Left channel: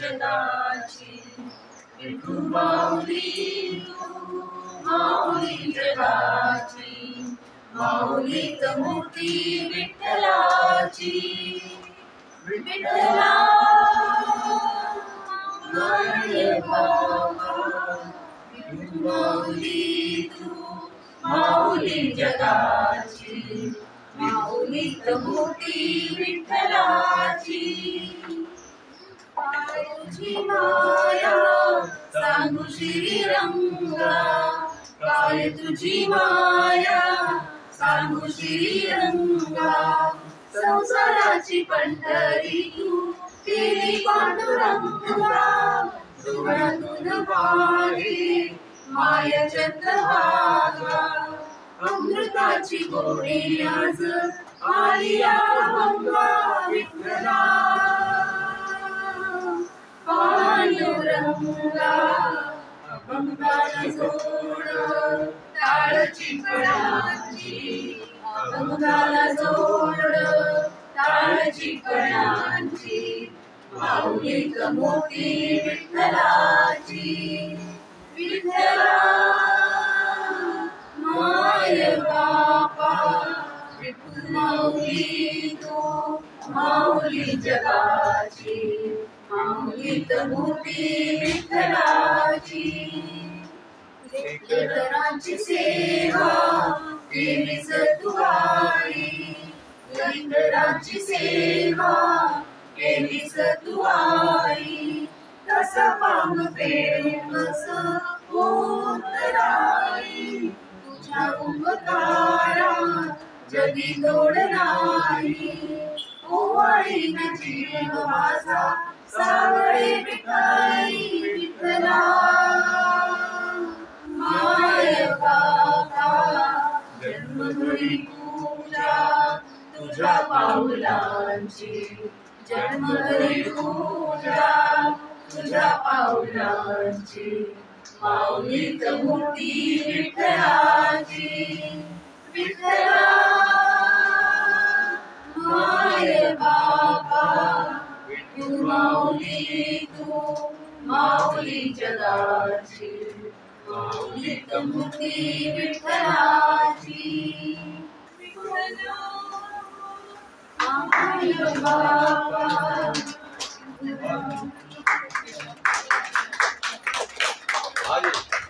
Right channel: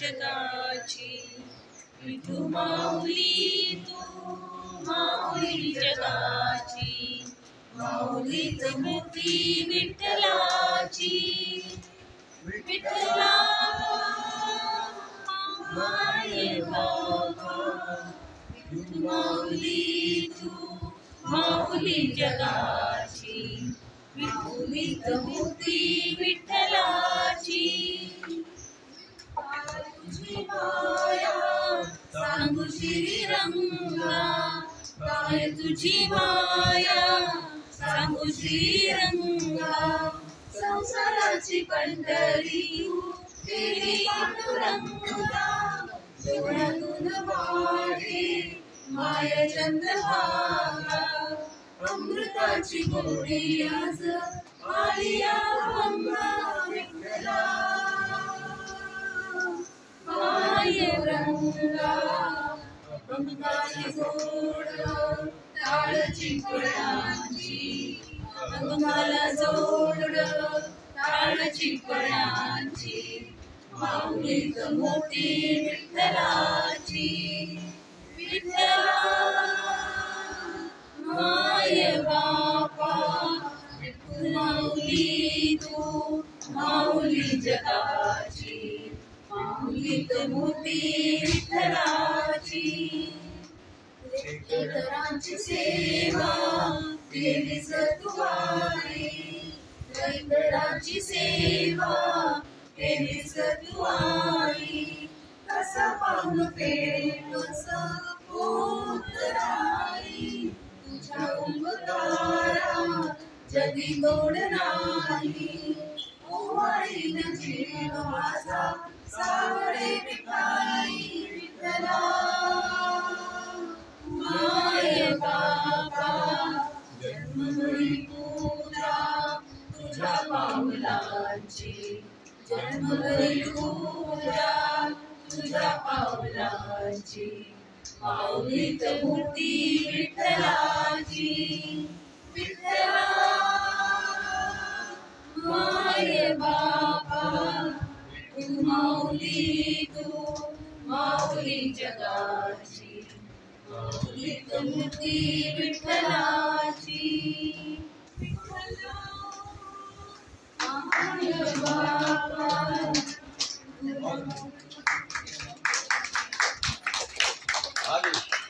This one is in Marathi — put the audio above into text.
जगाची, विठू माऊली तू माऊली जगाची, माऊलीच मूर्ती विठ्ठलाची, विठ्ठला माय बाबा, विठू माऊली तू माऊली जगाची, माऊलीच मूर्ती विठ्ठलाची. काय तुझी माया सांगू श्रीरंगा, काय तुझी माया सांगू श्रीरंगा, संसाराची पंढरी तू केली पांडुरंगा, डोळ्यातून वाहे माय चंद्रभागा, अमृताची गोडी आज आली अभंगा, विठ्ठला पांडुरंगा, अभंगाला जोड टाळची कणांची, अभंगाला जोड टाळची कणांची, माऊलीच मूर्ती विठ्ठलाची, विठ्ठला माय बापा, विठू माऊली तू माऊली जगाची, माऊलीच मूर्ती विठ्ठलाची. लेकरांची सेवा केलीस तू आई, लेकरांची सेवा केलीस तू आई, कसा पांग फेमस उतराई, तुझ्या उपकारा जगी तोड नाही, ओवाळीन जीव माझा सावळे विठाई, विठ्ठला माय बाबा, जन्मभरी पूजा तुझ्या पाऊलांची, जन्मभरी पूजा तुझ्या पाऊलांची, माऊलीच मूर्ती विठ्ठलाची, विठ्ठला माय बाबा, विठू माऊली तू माऊली जगाची, माऊलीच मूर्ती